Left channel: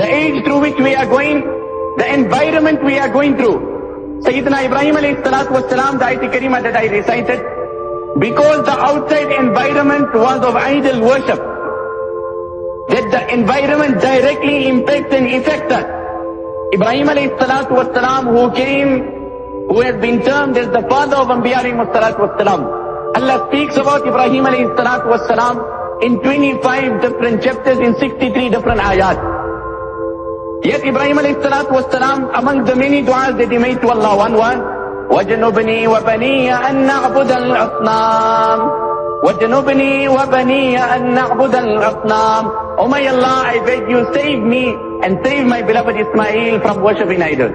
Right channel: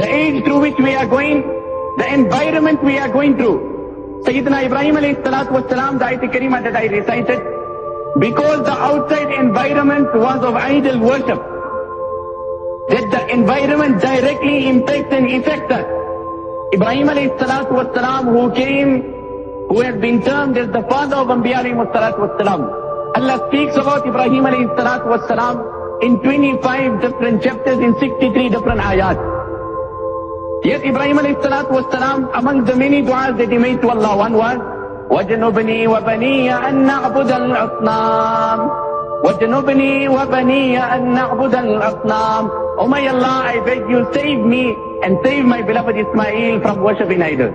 the age through which we are going, the environment we are going through. Sayyidina Ibrahim alayhi salatu wasalam, the ayat Karima that I recited, because the outside environment was of idol worship, that the environment directly impacts and affects us. Ibrahim alayhi salatu wasalam, who came, who has been termed as the father of Anbiya alayhi salatu wasalam. Allah speaks about Ibrahim alayhi salatu wasalam in 25 different chapters in 63 different ayat. Yet Ibrahim alayhi salatu wasalam, among the many du'as that he made to Allah, one was, وَجَنُبْنِي وَبَنِيَ أَن نَعْبُدَ الْأَصْنَامِ وَجَنُبْنِي وَبَنِيَ أَن نَعْبُدَ الْأَصْنَامِ. Oh my Allah, I beg you, save me and save my beloved Ismail from worshipping idols.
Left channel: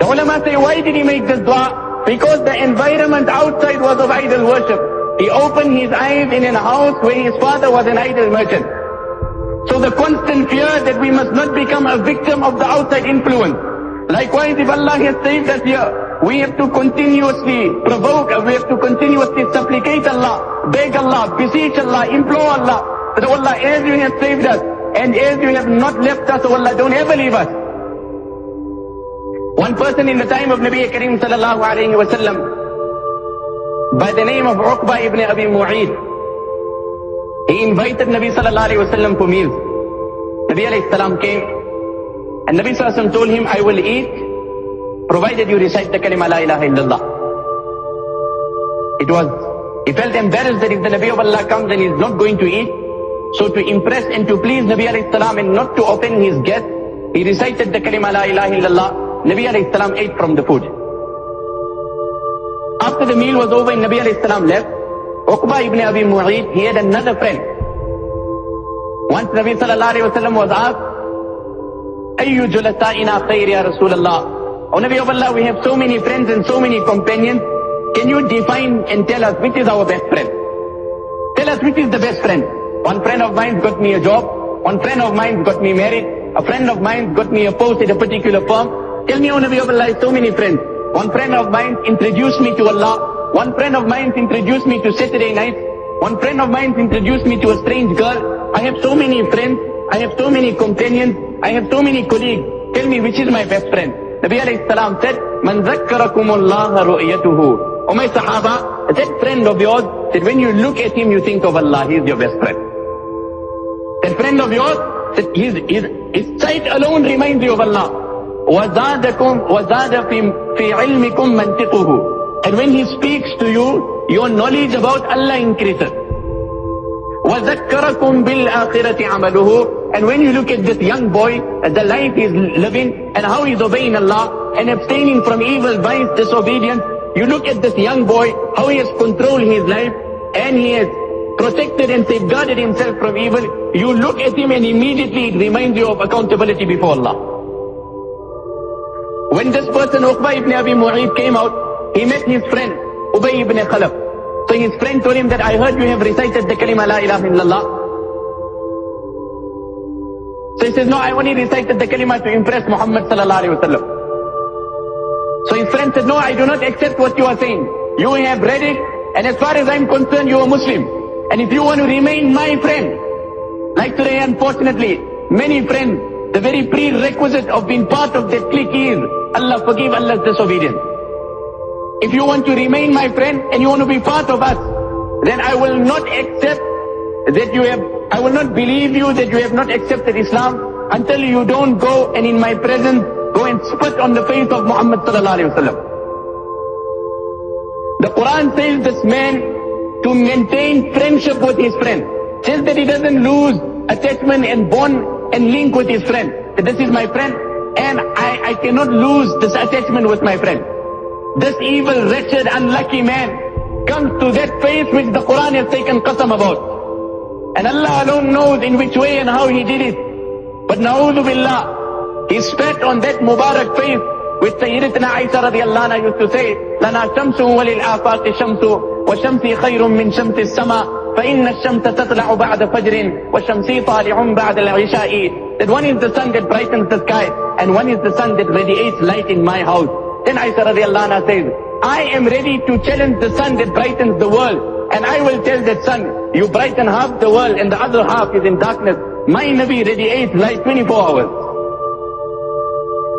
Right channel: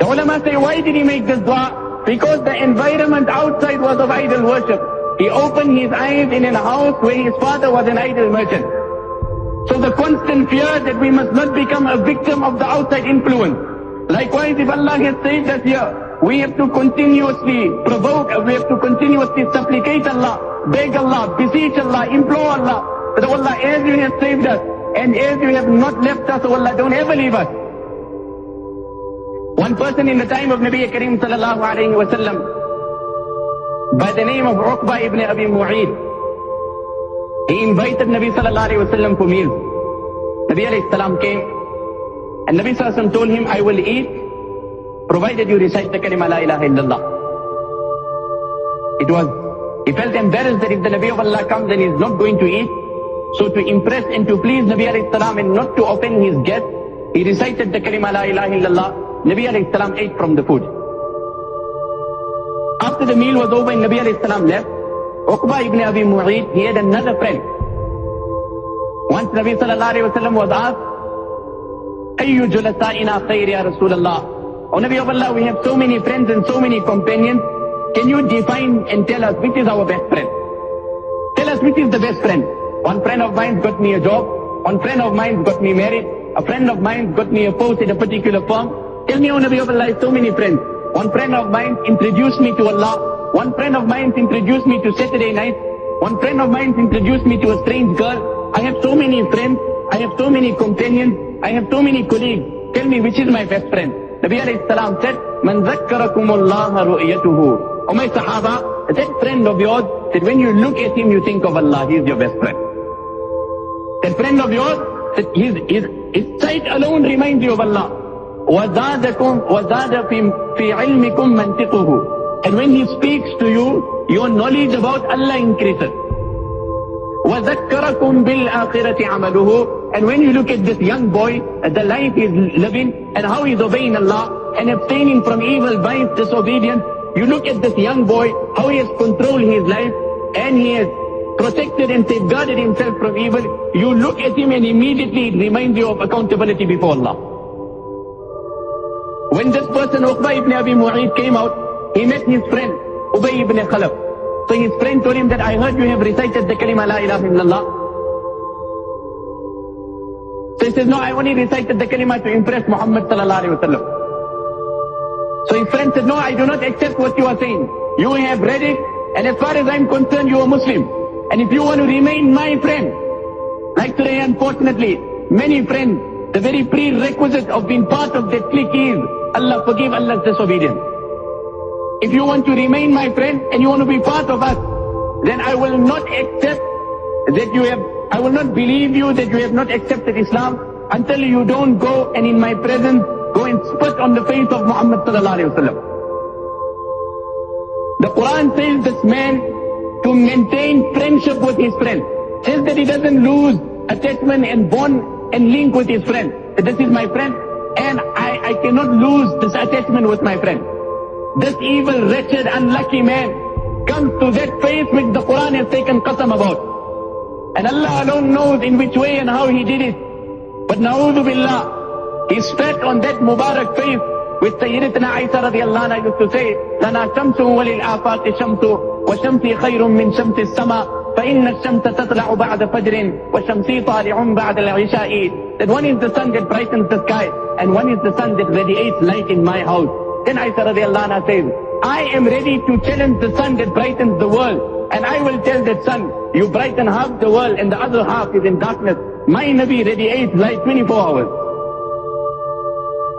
The ulama say, why did he make this dua? Because the environment outside was of idol worship. He opened his eyes in a house where his father was an idol merchant. So the constant fear that we must not become a victim of the outside influence. Likewise, if Allah has saved us here, we have to continuously provoke, we have to continuously supplicate Allah, beg Allah, beseech Allah, implore Allah, that Allah, as you have saved us, and as you have not left us, oh Allah, don't ever leave us. One person in the time of Nabi Kareem sallallahu alayhi wa sallam, by the name of Uqba ibn Abi Mu'ayt, he invited Nabi sallallahu alayhi wa sallam for meals. Nabi alayhi salam came, and Nabi sallallahu alayhi wa sallam told him, I will eat, provided you recite the kalima la ilaha illallah. He felt embarrassed that if the Nabi of Allah comes and he is not going to eat, so to impress and to please Nabi alayhi salam and not to offend his guest, he recited the kalima la ilaha illallah. Nabi alayhi salam ate from the food. After the meal was over and Nabi alayhi salam left, Uqba ibn Abi Mu'ayt, he had another friend. Once Nabi sallallahu alayhi wa sallam was asked, Ayyu julasa'ina khayr ya Rasulallah. O Nabi of Allah, we have so many friends and so many companions. Can you define and tell us which is our best friend? Tell us which is the best friend. One friend of mine got me a job. One friend of mine got me married. A friend of mine got me a post at a particular firm. Tell me, O Nabi of Allah, so many friends. One friend of mine introduced me to Allah. One friend of mine introduced me to Saturday night. One friend of mine introduced me to a strange girl. I have so many friends. I have so many companions. I have so many colleagues. Tell me which is my best friend. Nabi alayhi salam said, Man zakkarakumullah ru'yatuhu. O my Sahaba, that friend of yours, that when you look at him, you think of Allah. He is your best friend. That friend of yours, that his sight alone reminds you of Allah. وَزَادَ فِي عِلْمِكُمْ مَنْتِقُهُ. And when he speaks to you, your knowledge about Allah increases. وَذَكَّرَكُمْ بِالْآخِرَةِ عَمَلُهُ. And when you look at this young boy, the life he's living, and how he's obeying Allah, and abstaining from evil, vice, disobedience, you look at this young boy, how he has controlled his life, and he has protected and safeguarded himself from evil. You look at him and immediately it reminds you of accountability before Allah. When this person, Uqba ibn Abi Mu'ayt, came out, he met his friend, Ubay ibn Khalaf. So his friend told him that I heard you have recited the kalima la ilaha illallah. So he says, no, I only recited the kalima to impress Muhammad sallallahu alayhi wa sallam. So his friend said, no, I do not accept what you are saying. You have read it, and as far as I'm concerned, you are Muslim. And if you want to remain my friend, like today, unfortunately, many friends, the very prerequisite of being part of that clique is Allah forgive Allah's disobedience. If you want to remain my friend and you want to be part of us, then I will not accept that I will not believe you that you have not accepted Islam until you don't go and in my presence go and spit on the face of Muhammad sallallahu alayhi wa sallam. The Quran says this man to maintain friendship with his friend, says that he doesn't lose attachment and bond and link with his friend. That this is my friend and I cannot lose this attachment with my friend. This evil, wretched, unlucky man comes to that face which the Quran has taken qasam about. And Allah alone knows in which way and how he did it. But na'udhu billah, he spat on that Mubarak face which Sayyidatuna Aisha radiallahu anha used to say, Lana shamsu walil afaqi shamsu wa shamsi khayrun min shamsi sama. فَإِنَّ الشَّمْسَ تَطْلَعُ بَعْدَ فَجْرٍ وَالشَّمْسِ طَالِعٌ بَعْدَ الْعِشَاءِ. That one is the sun that brightens the sky and one is the sun that radiates light in my house. Then Aisha radiallahu anha says, I am ready to challenge the sun that brightens the world, and I will tell that sun, you brighten half the world and the other half is in darkness. My Nabi radiates light 24 hours.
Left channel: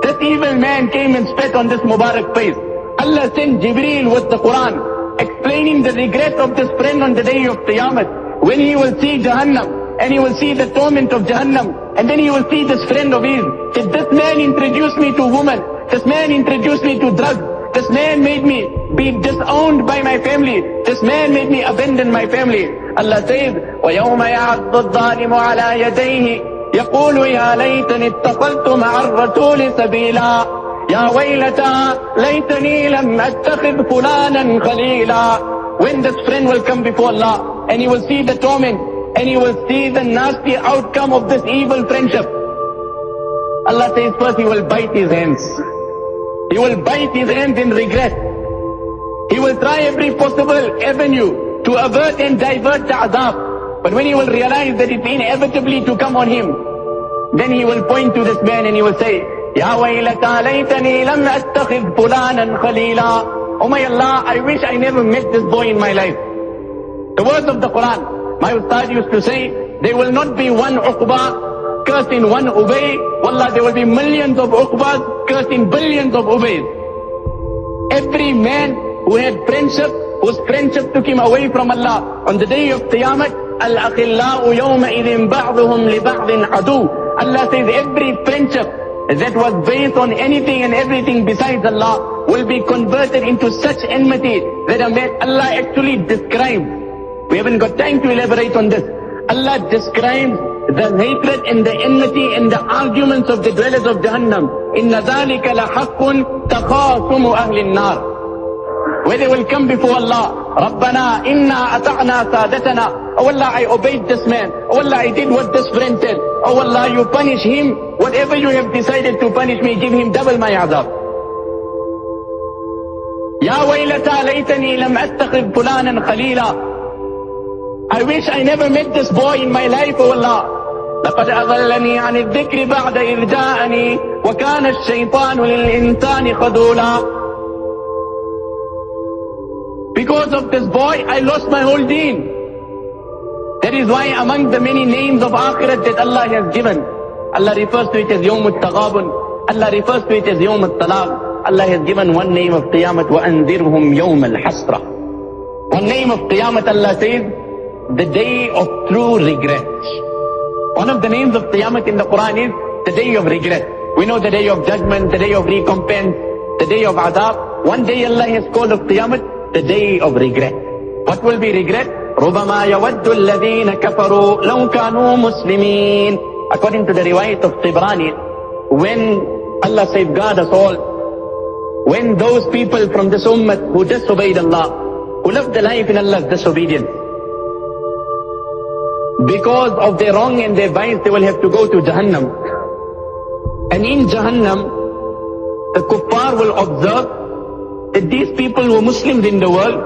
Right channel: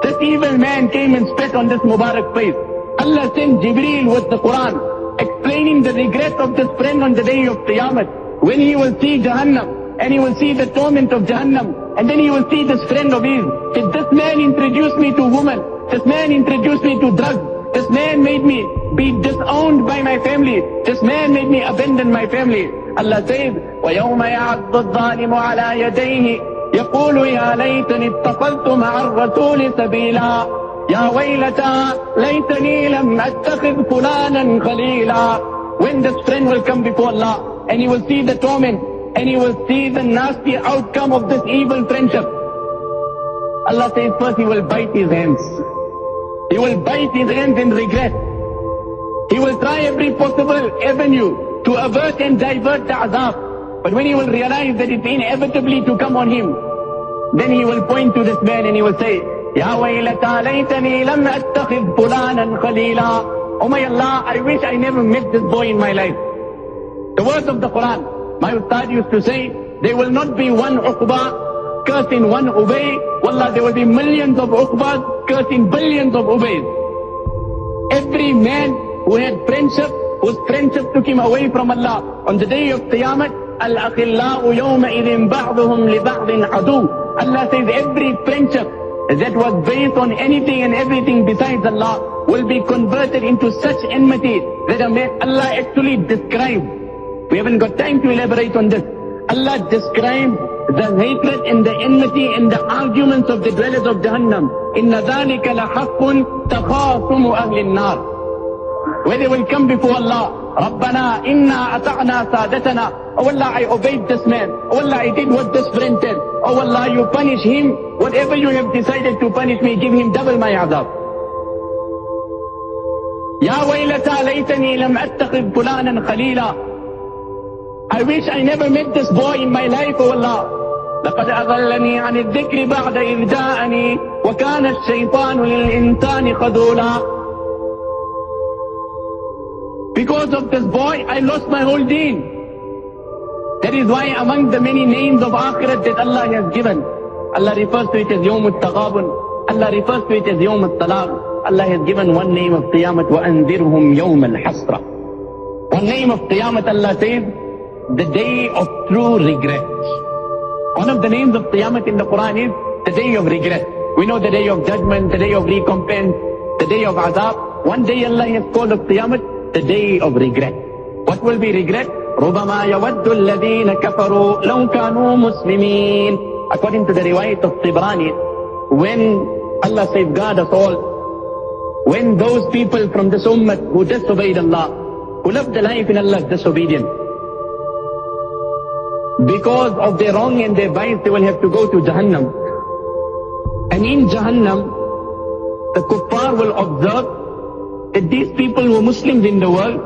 This evil man came and spat on this Mubarak face. Allah sent Jibreel with the Quran, explaining the regret of this friend on the day of Qiyamah, when he will see Jahannam, and he will see the torment of Jahannam, and then he will see this friend of his. Said, this man introduced me to women, this man introduced me to drugs, this man made me be disowned by my family, this man made me abandon my family. Allah says, وَيَوْمَ يَعَضُّ الظَّالِمُ عَلَى يَدَيْهِ يَقُولُ يَا لَيْتَنِي اتَّخَذْتُ مَعَ الرَّسُولِ سَبِيلًا يَا وَيْلَتَى لَيْتَنِي لَمْ أَتَّخِذْ فُلَانًا خَلِيلًا. When this friend will come before Allah, and he will see the torment, and he will see the nasty outcome of this evil friendship. Allah says first he will bite his hands. He will bite his hands in regret. He will try every possible avenue to avert and divert the azab. But when he will realize that it's inevitably to come on him, then he will point to this man and he will say, Ya waylata laytani lam attakhidh fulanan khalila. Oh my Allah, I wish I never met this boy in my life. The words of the Quran. My Ustad used to say, there will not be one Uqba cursed in one Ubay. Wallah, there will be millions of Uqbas cursed in billions of Ubays. Every man who had friendship, whose friendship took him away from Allah, on the day of Qiyamah, Al-Akhillau yawma idhin ba'duhum li ba'dhin adu. Allah says every friendship that was based on anything and everything besides Allah will be converted into such enmity that Allah actually describes. We haven't got time to elaborate on this. Allah describes the hatred and the enmity and the arguments of the dwellers of Jahannam. Inna dhalika la haqqun takhasumu ahli an-nar. Where they will come before Allah, Rabbana inna ata'na sadatana. Oh Allah, I obeyed this man. Oh Allah, I did what this friend said. Oh Allah, you punish him. Whatever you have decided to punish me, give him double my azab. Ya waylata laytani lam attakhidh fulanan khalila. I wish I never met this boy in my life, oh Allah. لقد أضلني عن الذكر بعد إذ جاءني وكان الشيطان للإنسان خذولا. Because of this boy, I lost my whole deen. That is why among the many names of Akhirat that Allah has given, Allah refers to it as Yawm al-Taghabun, Allah refers to it as Yawm al-Talaq. Allah has given one name of Qiyamah, وَأَنذِرْهُمْ يَوْمَ الْحَسْرَةِ. One name of Qiyamah, Allah says, the day of true regret. One of the names of Qiyamah in the Quran is the day of regret. We know the day of judgment, the day of recompense, the day of azab. One day Allah has called of Qiyamah the day of regret. What will be regret? رُبَمَا يَوَدُّ الَّذِينَ كَفَرُوا لَوْ كَانُوا مُسْلِمِينَ. According to the riwayat of Tibrani, when Allah safeguard us all, when those people from this ummah who disobeyed Allah, who lived the life in Allah's disobedience, because of their wrong and their vice, they will have to go to Jahannam. And in Jahannam, the kuffar will observe that these people were Muslims in the world,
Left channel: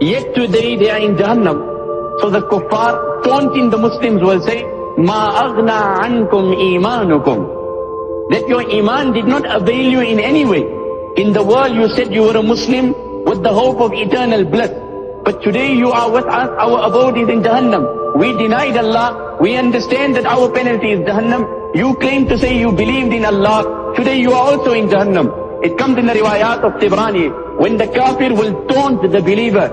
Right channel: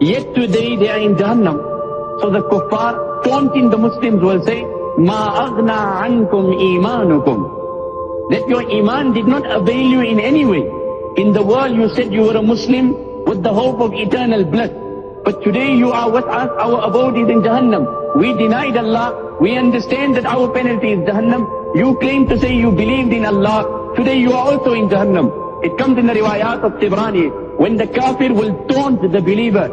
yet today they are in Jahannam. So the kuffar, taunting the Muslims, will say, Ma aghna ankum imanukum. That your iman did not avail you in any way. In the world you said you were a Muslim with the hope of eternal bliss. But today you are with us, our abode is in Jahannam. We denied Allah, we understand that our penalty is Jahannam. You claim to say you believed in Allah, today you are also in Jahannam. It comes in the riwayat of Tibrani, when the kafir will taunt the believer,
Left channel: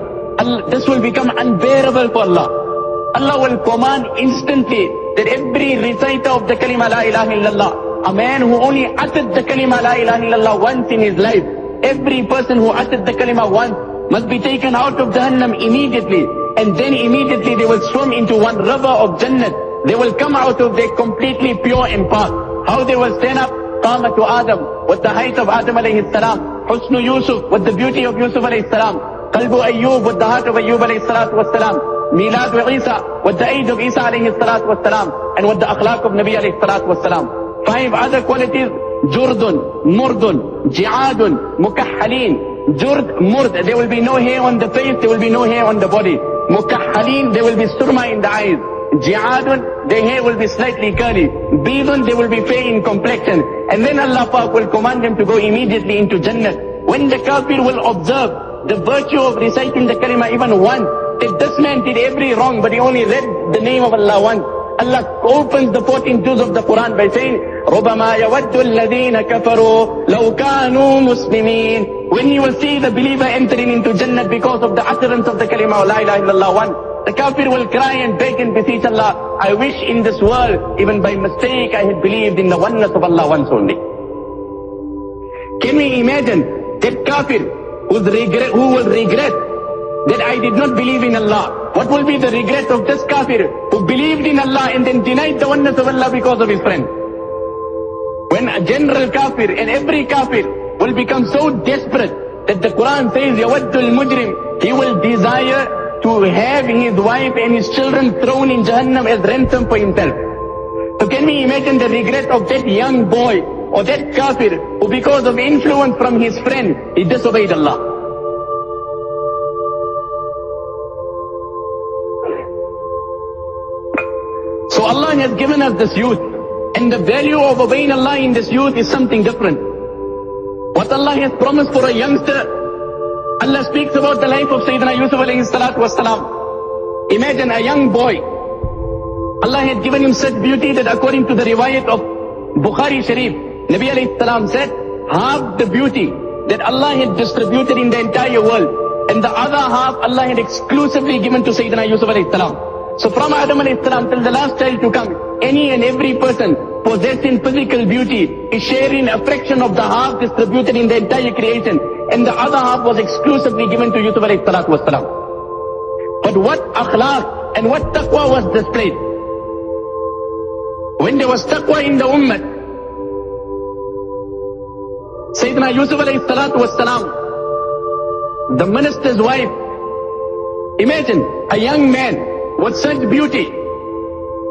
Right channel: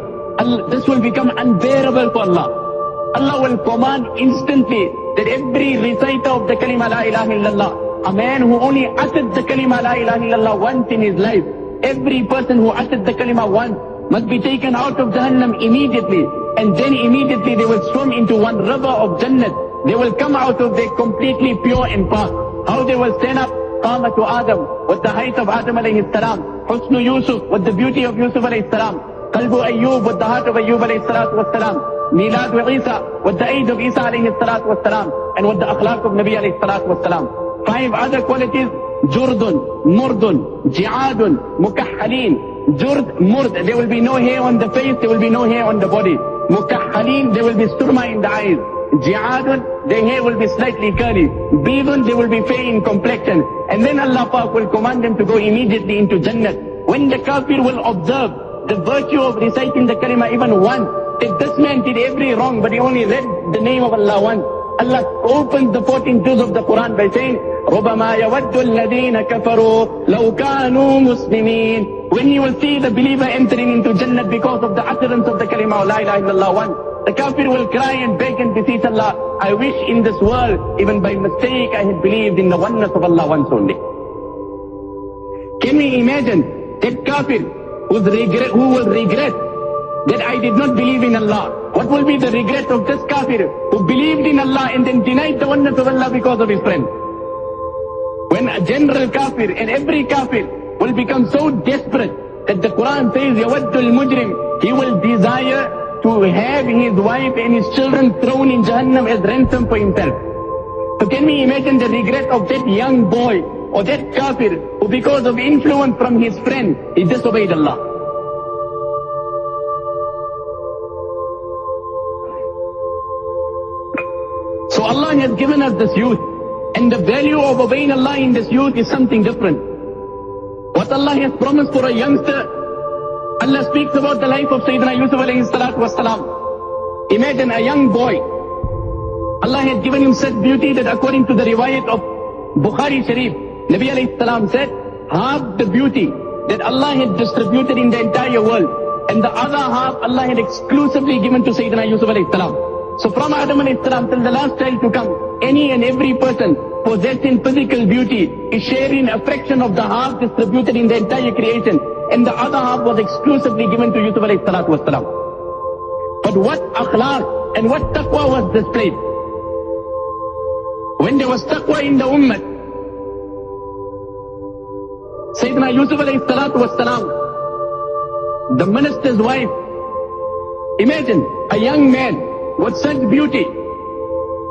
this will become unbearable for Allah. Allah will command instantly that every reciter of the kalima la ilaha illallah, a man who only uttered the kalima la ilaha illallah once in his life, every person who uttered the kalima once must be taken out of Jahannam immediately. And then immediately they will swim into one river of Jannat. They will come out of there completely pure and past. How they will stand up? Qamatu Adam, with the height of Adam alayhi salam. Husnu Yusuf, with the beauty of Yusuf alayhi salam. Qalbu Ayyub, with the heart of Ayyub alayhi salatu was salam. Miladu Isa, with the age of Isa alayhi salatu was salam. And with the akhlaq of Nabi alayhi salatu was salam. 5 other qualities: Jurdun, Murdun, Ji'adun, Mukahhalin. Jurd, Murd, there will be no hair on the face, there will be no hair on the body. Mukahhalin, there will be surma in the eyes. Ji'adun, their hair will be slightly curly. Bidun, they will be fair in complexion. And then Allah Pak will command them to go immediately into Jannat. When the kafir will observe the virtue of reciting the kalima even once, that this man did every wrong, but he only read the name of Allah once. Allah opens the 14 juz of the Quran by saying, رُبَمَا يَوَدُّ الَّذِينَ كَفَرُوا لَوْ كَانُوا مُسْلِمِينَ. When you will see the believer entering into Jannah because of the utterance of the kalima of La ilaha illallah one, the kafir will cry and beg and beseech Allah, I wish in this world, even by mistake, I had believed in the oneness of Allah once only. Can we imagine that kafir who will regret that I did not believe in Allah? What will be the regret of this kafir who believed in Allah and then denied the oneness of Allah because of his friend? When a general kafir and every kafir will become so desperate that the Quran says, Yawaddul Mujrim, he will desire to have his wife and his children thrown in Jahannam as ransom for himself. So can we imagine the regret of that young boy or that kafir who because of influence from his friend, he disobeyed Allah? So Allah has given us this youth, and the value of obeying Allah in this youth is something different. What Allah has promised for a youngster, Allah speaks about the life of Sayyidina Yusuf alayhi salatu wasalam. Imagine a young boy. Allah had given him such beauty that according to the riwayat of Bukhari Sharif, Nabi alayhi salam said, half the beauty that Allah had distributed in the entire world, and the other half Allah had exclusively given to Sayyidina Yusuf alayhi salam. So from Adam alayhi salam till the last child to come, any and every person possessing physical beauty is sharing a fraction of the half distributed in the entire creation, and the other half was exclusively given to Yusuf alayhi salatu wasalam. But what akhlaq and what taqwa was displayed? When there was taqwa in the ummah, Sayyidina Yusuf alayhi salatu wasalam, the minister's wife, imagine a young man with such beauty,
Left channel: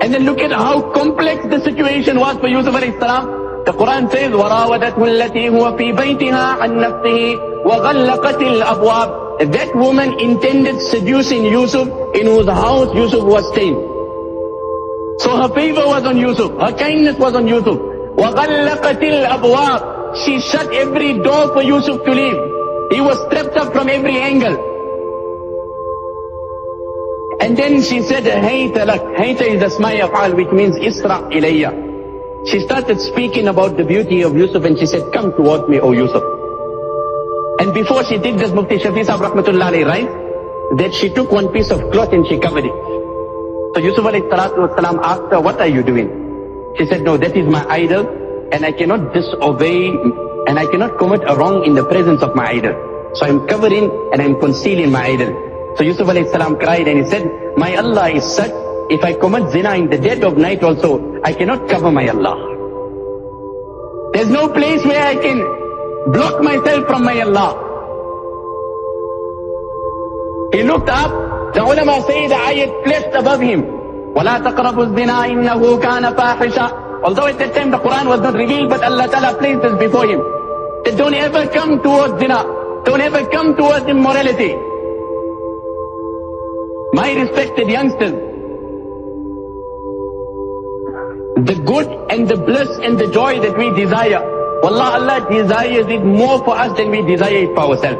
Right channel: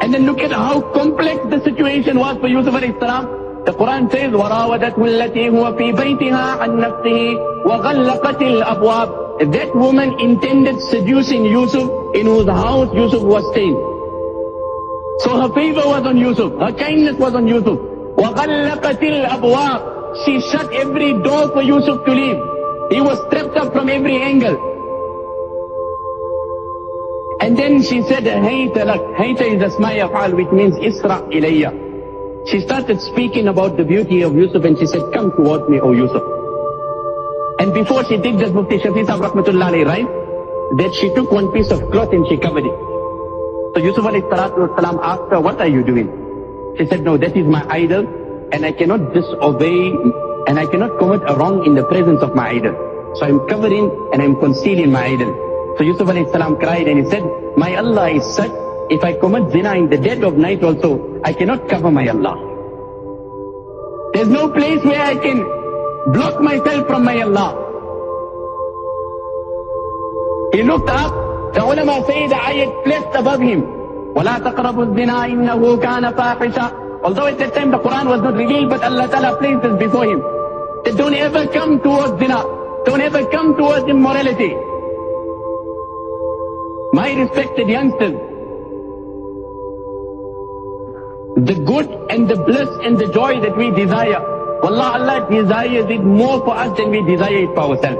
and then look at how complex the situation was for Yusuf alayhi salam. The Quran says, وَرَاوَدَتْهُ الَّتِي هُوَ فِي بَيْتِهَا عَنْ نَفْسِهِ وَغَلَّقَتِ الْأَبْوَابِ. That woman intended seducing Yusuf, in whose house Yusuf was staying. So her favor was on Yusuf, her kindness was on Yusuf. وَغَلَّقَتِ الْأَبْوَابِ. She shut every door for Yusuf to leave. He was trapped up from every angle. And then she said, Hayta lak. Hayta is asma yaf'al, which means Isra ilayya. She started speaking about the beauty of Yusuf, and she said, come towards me, O Yusuf. And before she did this, Mufti Shafi Sahib Rahmatullah alayhi writes that she took one piece of cloth and she covered it. So Yusuf alayhi salatu wasalam asked her, what are you doing? She said, no, that is my idol, and I cannot disobey, and I cannot commit a wrong in the presence of my idol. So I'm covering and I'm concealing my idol. So Yusuf alayhi salam cried and he said, my Allah is such, if I commit zina in the dead of night also, I cannot cover my Allah. There's no place where I can block myself from my Allah. He looked up, the ulama say the ayat placed above him, وَلَا تَقْرَبُوا الزِّنَا إِنَّهُ كَانَ فَاحِشًا. Although at that time the Quran was not revealed, but Allah Ta'ala placed this before him. That don't ever come towards zina, don't ever come towards immorality. My respected youngsters, the good and the bliss and the joy that we desire, Wallah, Allah desires it more for us than we desire it for ourselves.